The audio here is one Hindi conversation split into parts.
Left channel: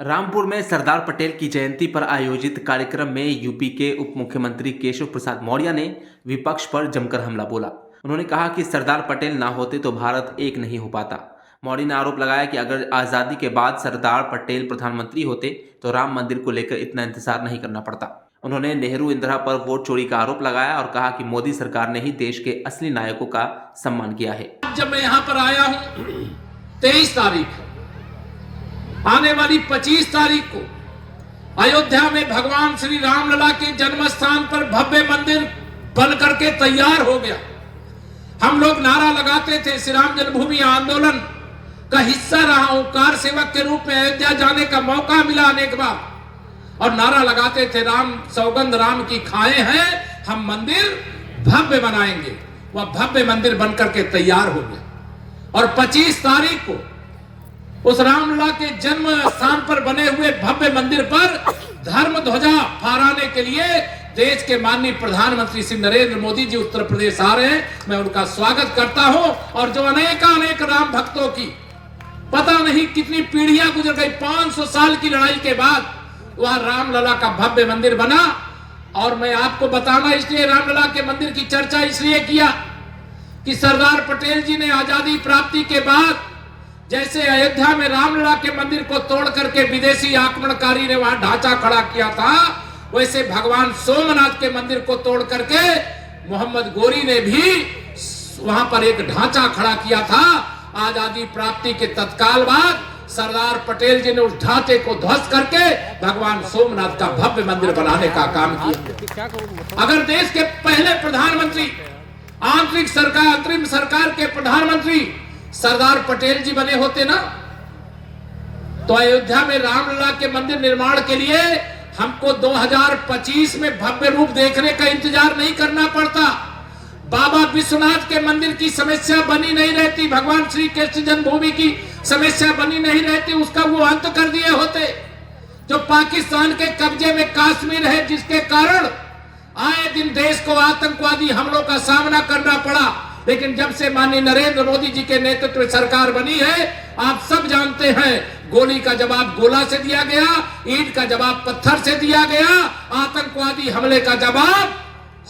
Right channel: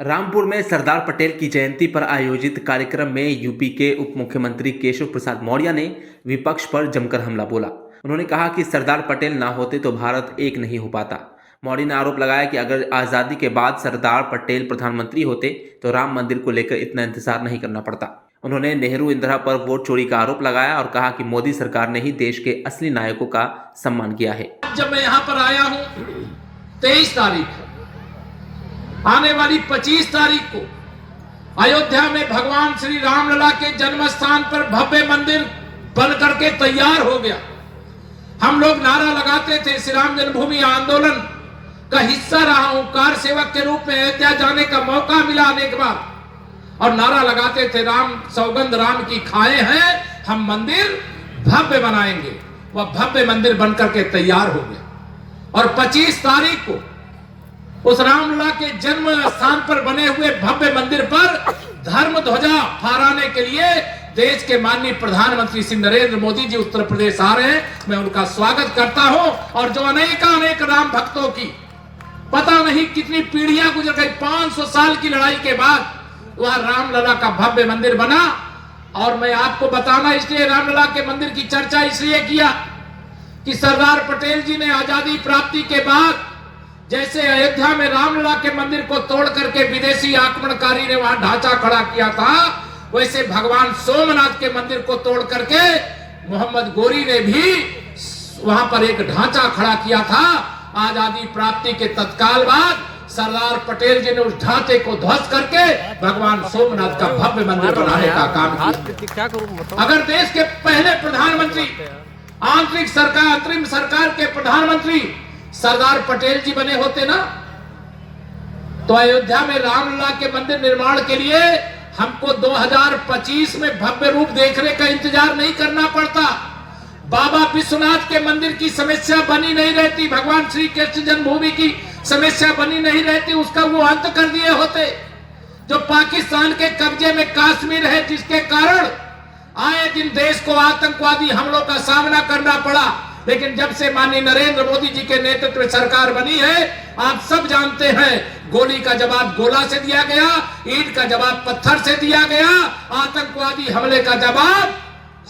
रामपुर में सरदार पटेल की जयंती पर आयोजित कार्यक्रम में यूपी के उप मुख्यमंत्री केशव प्रसाद मौर्य ने विपक्ष पर जमकर हमला बोला। उन्होंने कहा कि सरदार पटेल ना होते तो भारत एक नहीं हो पाता। मौर्य ने आरोप लगाया कि अगर आज़ादी के बाद सरदार पटेल प्रधानमंत्री होते तो राम मंदिर को लेकर इतना इंतजार नहीं करना पड़ता। उन्होंने नेहरू इंदिरा पर वोट चोरी का आरोप लगाया और कहा कि मोदी सरकार ने ही देश के असली नायकों का सम्मान किया है। जब मैं यहाँ पर आया हूँ 23 तारीख आने वाली 25 तारीख को अयोध्या में भगवान श्री रामलला के जन्म स्थान पर भव्य मंदिर बन करके तैयार हो गया। हम लोग नारा लगाते थे, श्री राम जन्मभूमि आंदोलन का हिस्सा रहा हूं, कार सेवक के रूप में अयोध्या जाने का मौका मिला अनेक बार, और नारा लगाते थे राम सौगंध राम की खाए हैं, हम मंदिर भव्य बनाएंगे। वह भव्य मंदिर बन करके तैयार हो गया और 25 तारीख को उस रामलला के जन्म स्थान पर बने हुए भव्य मंदिर पर धर्म ध्वजा फहराने के लिए देश के माननीय प्रधानमंत्री श्री नरेंद्र मोदी जी उत्तर प्रदेश आ रहे हैं। मैं उनका स्वागत करता हूं और जो अनेक राम भक्तों की पता नहीं कितनी पीढ़ियां गुजर गई, 500 साल की लड़ाई के बाद वह रामलला का भव्य मंदिर बना। और मैं आपको बताना इसलिए रामलला के मंदिर की चर्चा इसलिए किया कि सरदार पटेल जी ने आजादी प्राप्ति के बाद जैसे अयोध्या में रामलला के मंदिर को तोड़ करके विदेशी आक्रमणकारी ने वहां ढांचा खड़ा किया था, वैसे भगवान सोमनाथ के मंदिर को तोड़ करके मोहम्मद गोरी ने भी वहां पर एक ढांचा खड़ा किया था। आजादी प्राप्ति के तत्काल बाद सरदार पटेल जी ने उस ढांचे को ध्वस्त करके भगवान सोमनाथ का भव्य मंदिर बनाने का काम किया। अगर देश के पहले प्रधानमंत्री, आंतरिक सरकार, अंतरिम सरकार के प्रधानमंत्री सरदार पटेल जी बने होते ना, तो अयोध्या में रामलला के मंदिर निर्माण के लिए हमको 2025 में भव्य रूप देखने का इंतजार नहीं करना पड़ता। बाबा विश्वनाथ के मंदिर की समस्या बनी नहीं रहती, भगवान श्री कृष्ण जन्मभूमि की समस्या बनी नहीं रहती, उसका वो अंत कर दिए होते। जो पाकिस्तान के कब्जे में कश्मीर है, जिसके कारण आए दिन देश को आतंकवादी हमलों का सामना करना पड़ा, लेकिन जब से माननीय नरेंद्र मोदी जी के नेतृत्व में सरकार बनी है, आप सब जानते हैं, गोली का जवाब गोला से दिया गया, ईंट का जवाब पत्थर से दिया गया, आतंकवादी हमले का जवाब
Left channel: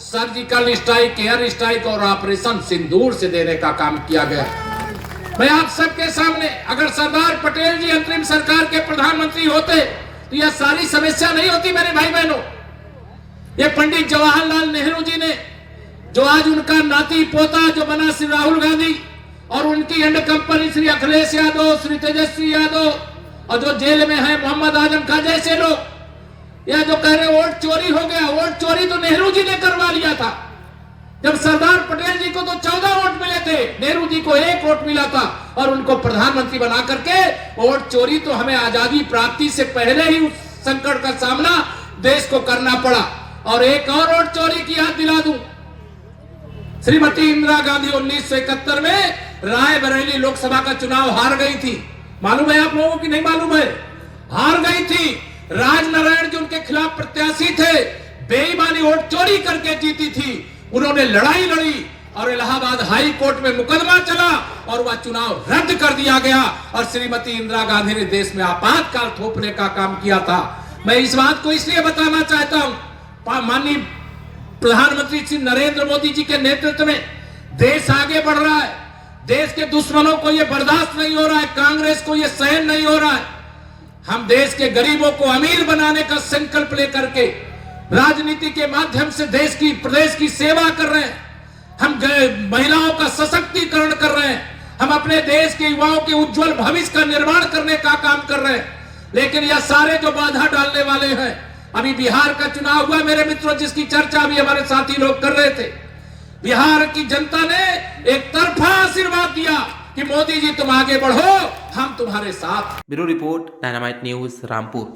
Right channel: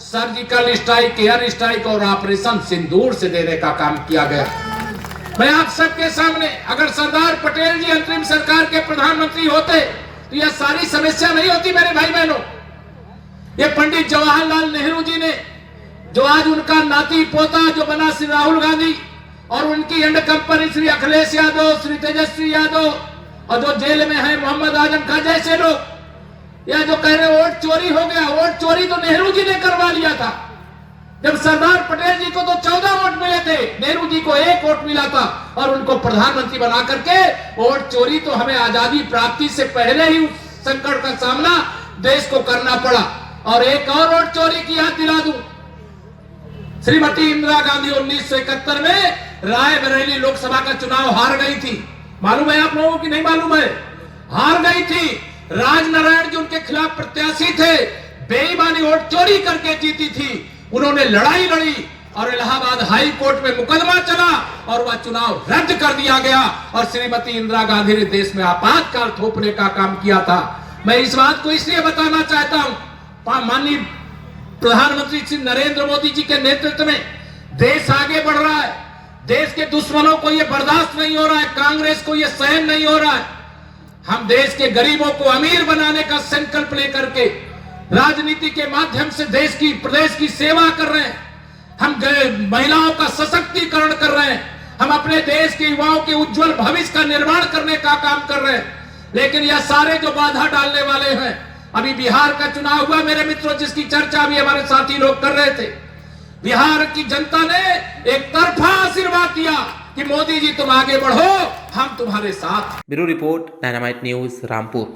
सर्जिकल स्ट्राइक, एयर स्ट्राइक और ऑपरेशन सिंदूर से देने का काम किया गया। मैं आप सबके सामने, अगर सरदार पटेल जी अंतरिम सरकार के प्रधानमंत्री होते तो यह सारी समस्या नहीं होती। मेरे भाई बहनों, ये पंडित जवाहरलाल नेहरू जी ने, जो आज उनका नाती पोता जो बना श्री राहुल गांधी, और उनकी एंड कंपनी श्री अखिलेश यादव, श्री तेजस्वी यादव, और जो जेल में है मोहम्मद आजम खान जैसे लोग, या जो कह रहे वोट चोरी हो गया, वोट चोरी तो नेहरू जी ने करवा लिया था। जब सरदार पटेल जी को तो 14 वोट मिले थे, नेहरू जी को 1 वोट मिला था, और उनको प्रधानमंत्री बना करके वोट चोरी तो हमें आजादी प्राप्ति से पहले ही उस संकट का सामना देश को करना पड़ा। और एक और वोट चोरी की याद दिला दूं, श्रीमती इंदिरा गांधी 1971 में रायबरेली लोकसभा का चुनाव हार गई थी। मालूम है आप लोगों की? नहीं मालूम है? हार गई थी। राजनारायण जी उनके खिलाफ प्रत्याशी थे, बेईमानी वोट चोरी करके जीती थी। उन्होंने लड़ाई लड़ी और इलाहाबाद हाई कोर्ट में मुकदमा चला और वह चुनाव रद्द कर दिया गया, और श्रीमती इंदिरा गांधी ने देश में आपातकाल थोपने का काम किया था। मैं इस बात को इसलिए बताना चाहता हूं, माननीय प्रधानमंत्री श्री नरेंद्र मोदी जी के नेतृत्व में देश आगे बढ़ रहा है। देश के दुश्मनों को यह बर्दाश्त नहीं हो रहा है, कांग्रेस को यह सहन नहीं हो रहा है। हम देश के गरीबों को अमीर बनाने का संकल्प लेकर के राजनीति के माध्यम से प्रदेश की सेवा कर रहे हैं। हम महिलाओं का सशक्तिकरण कर रहे हैं, हम अपने देश के युवाओं के उज्जवल भविष्य का निर्माण करने का काम कर रहे हैं। लेकिन यह सारे जो बाधा डालने वाले हैं, अभी बिहार का चुनाव हुआ मेरे मित्रों, जिसकी चर्चा भी हमारे साथी लोग कर रहे थे। बिहार की जनता ने एक तरफा आशीर्वाद दिया कि मोदी जी तुम आगे बढ़ो, हम तुम्हारे साथ। Bureau report, dynamite news, Rampur.